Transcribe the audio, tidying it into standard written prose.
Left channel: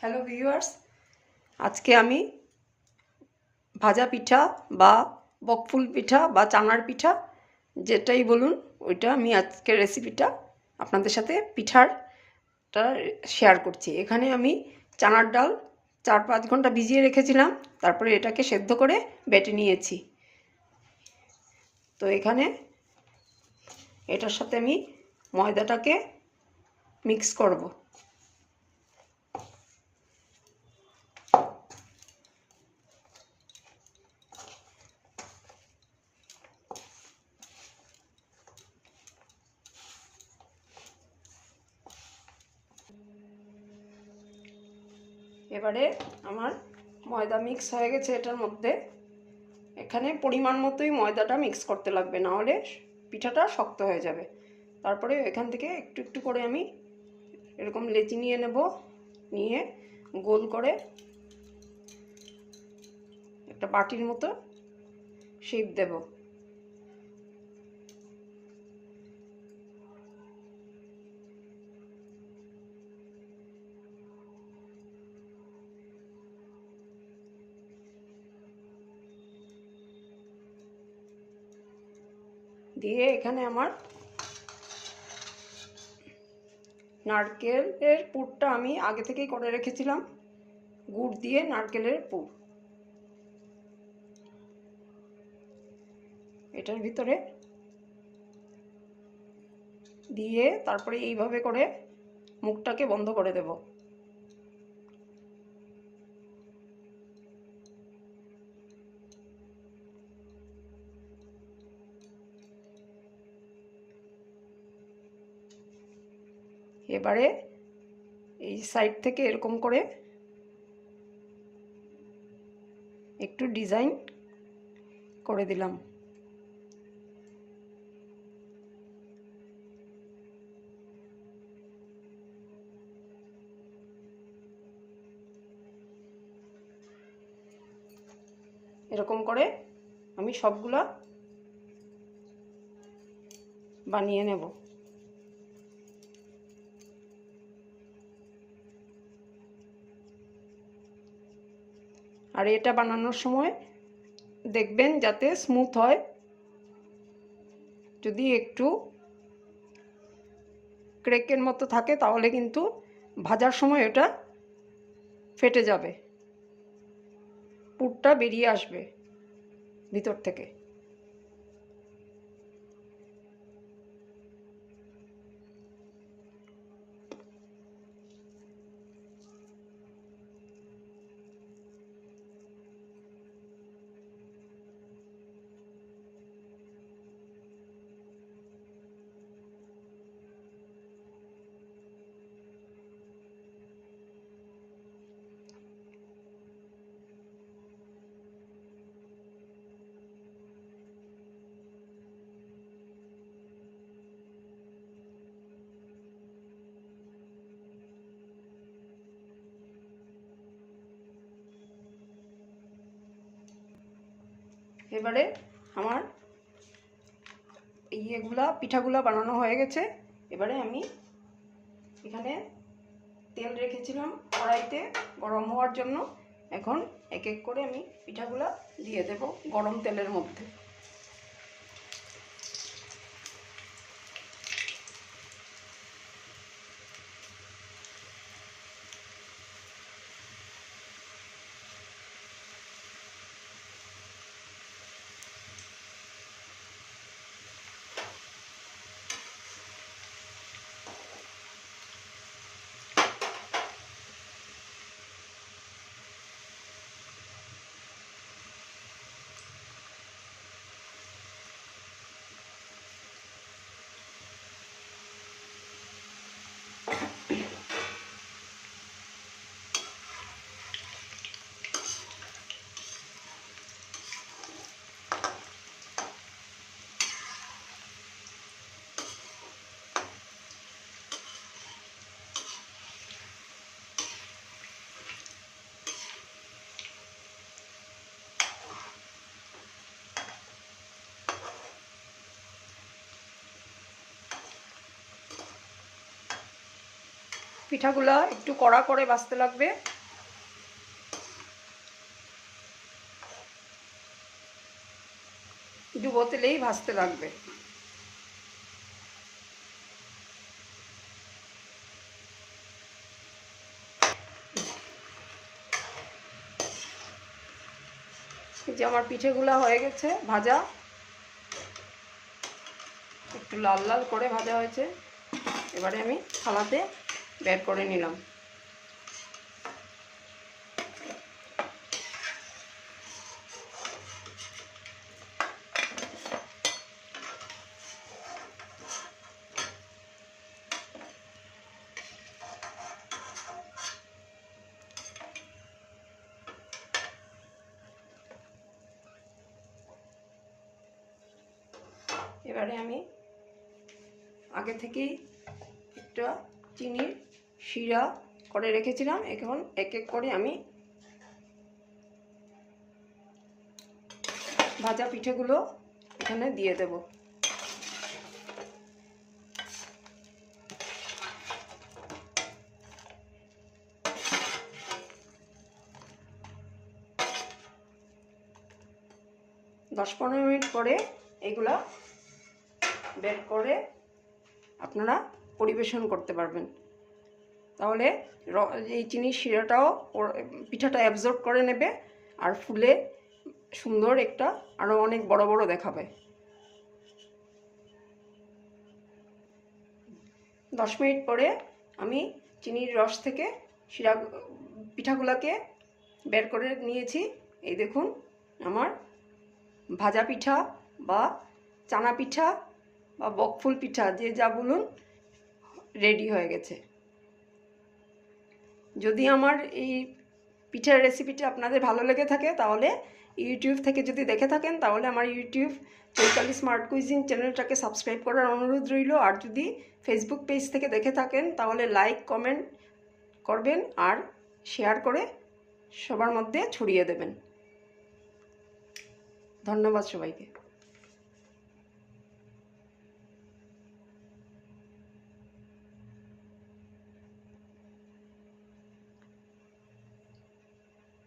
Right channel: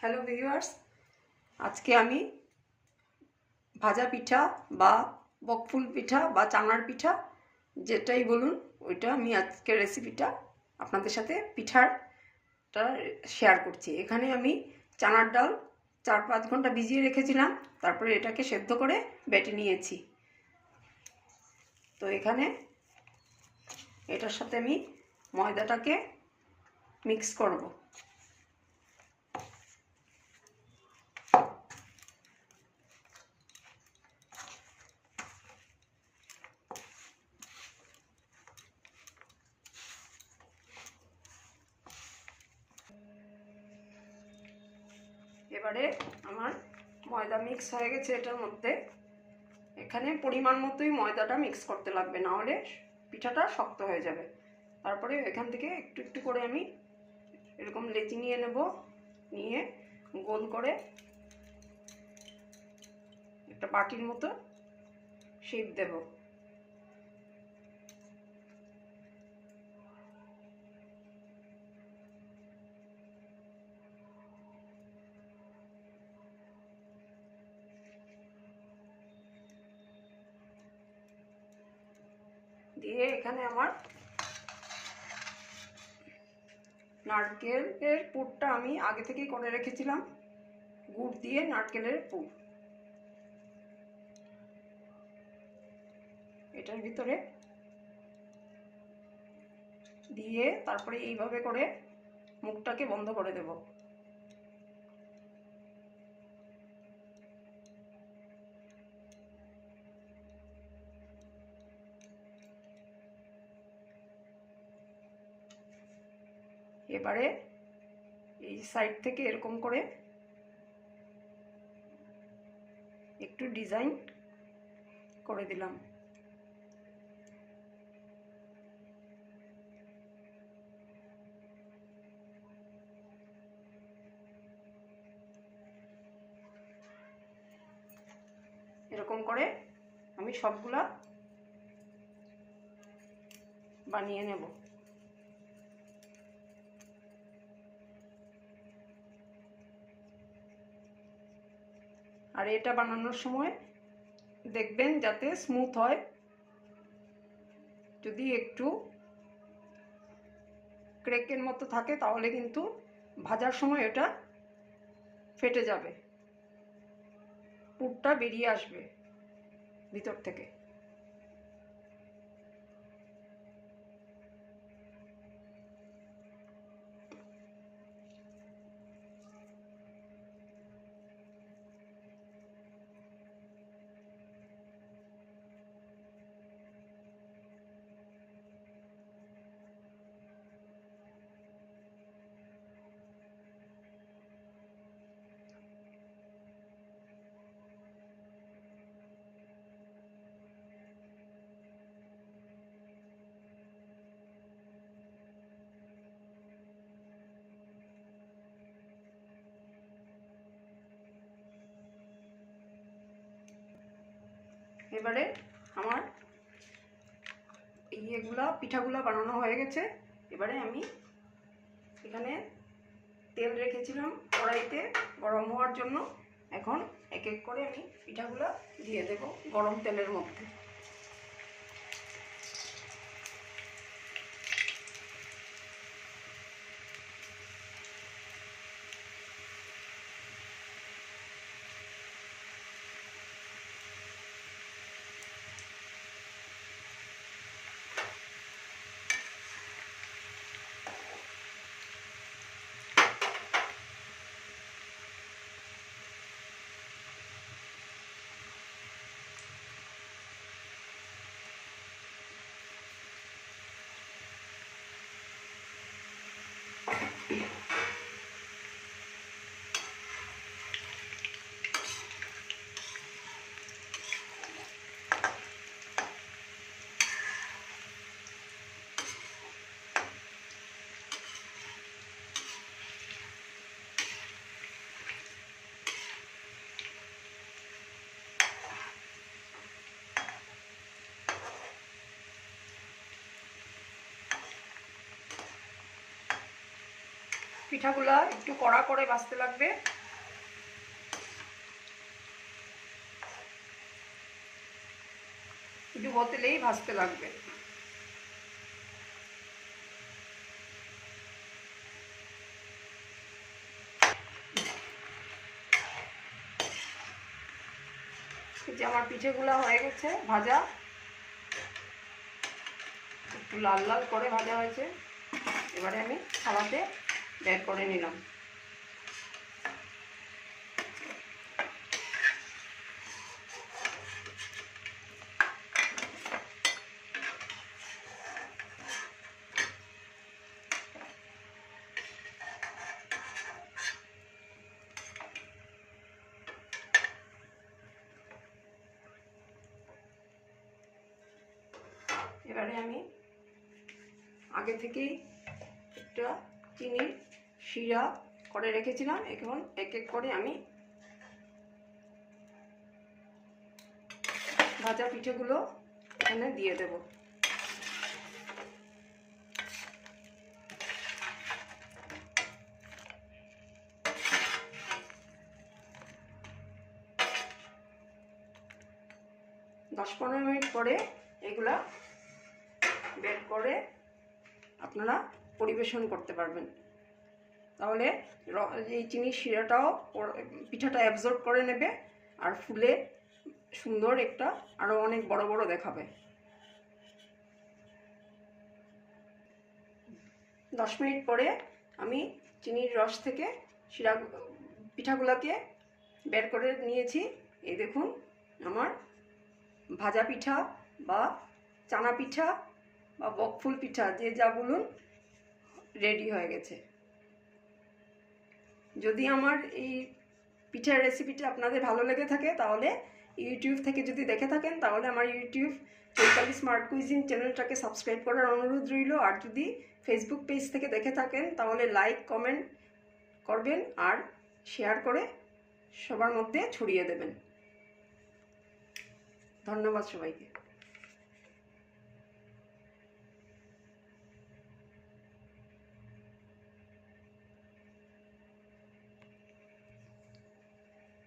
Hello viewers, আজকে আমি ভাজা পিঠা বা বকফুল পিঠা বা চানার পিঠা যেটাই বলুন ওইটা আমি আজকের রেসিপিটা আপনাদের সাথে পিঠারটা শেয়ার করছি। এখানে আমি চানার ডাল 4-5 ঘন্টা ভিজিয়ে রেখেছিলাম, তারপরে এটাকে সেদ্ধ করে বেটে নিয়েছি। তো এখানে এটার সাথে আমি ময়দাটাকে মিক্স করব। এবারে আমার ময়দা মিক্স হয়ে গেছে এটার মধ্যে। এখানে পরিমাণ মতোই ময়দাটা মিক্স করতে লাগবে, না হলে পিঠাটা শক্ত হয়ে যাবে। তারপরে এখান থেকে একটু একটু করে আমি এরকম লেচি নিয়ে নেব, নিয়ে গোল করে একটা বাটির মতো শেপ দেব। দিয়ে এখানে আমার নারকেলের পুরটা আমি আগে থেকেই করে রেখেছিলাম, গুড় দিয়ে নারকেলের পুর এটার ভিতরে দিয়ে তারপরে এইভাবে করে মুখটাকে বন্ধ করে দেব। এবারে এই সাইড থেকে এরকম করে একটু ডিজাইন করে দিলাম। এরকম করে আমি সবগুলা বানিয়ে নেব। আর এটা বানানোর সময় দেখবেন যাতে স্মুথ হয়। যদি একটু ক্রেকের মতো থাকে তাহলে কিন্তু ভাজার সময় এটা ফেটে যাবে, পুরটা বেরিয়ে আসবে ভিতর থেকে। এবারে আমার পিঠাগুলা বানানো হয়ে গেছে। এবারে আমি এখানে তেল রেখেছিলাম কড়াইতে গরম হওয়ার জন্য। এখন এক এক করে আমি পিঠাগুলা দিয়ে দেব গরম তেলের মধ্যে। পিঠাগুলা একটু কড়া করে ভাজতে লাগবে। ডুবো তেলেই ভাজতে লাগবে। যে আমার পিঠেগুলো হয়ে গেছে ভাজা, একটু লাল লাল করে ভাজা হয়েছে। এবারে আমি থালাতে বের করে নিলাম। এবারে আমি আগে থেকেই একটা চিনির শিরা করে রেখেছিলাম, এখন এক এক করে আমি ভাজা পিঠেগুলো এখানে দিয়ে দেব। দশ 15 মিনিট পরে এগুলা বের করে আপনারা পরিবেশন করতে পারবেন। তাহলে এই চিনির শিরাটাও পিঠাটা অ্যাবজর্ব করে নেবে আর ফুলে সুন্দর একটা আরও অনেক বড় বড় দেখাবে। 10 মিনিট পরে আমি চিনির রস থেকে পিঠাগুলোকে বের করে নিয়েছি। এই দেখুন আমার ভাজা পিঠা বা চানা পিঠা বা বকফুল পিঠা যে যা বলুন রেডি হয়ে গেছে। যদি আমার এই পিঠার রেসিপিটা আপনাদের ভালো লেগে থাকে তাহলে ইউটিউব থেকে যদি দেখে থাকেন তাহলে আমার ইউটিউব চৈতালি স্মার্ট কুইজিন চ্যানেলটাকে সাবস্ক্রাইব করার অনুরোধ রইল। আর যদি ফেসবুক পেজ থেকে দেখে থাকেন তাহলে লাইক কমেন্ট করবেন আর শেয়ার করে সবার মধ্যে ছড়িয়ে দেবেন। ধন্যবাদ সবাইকে।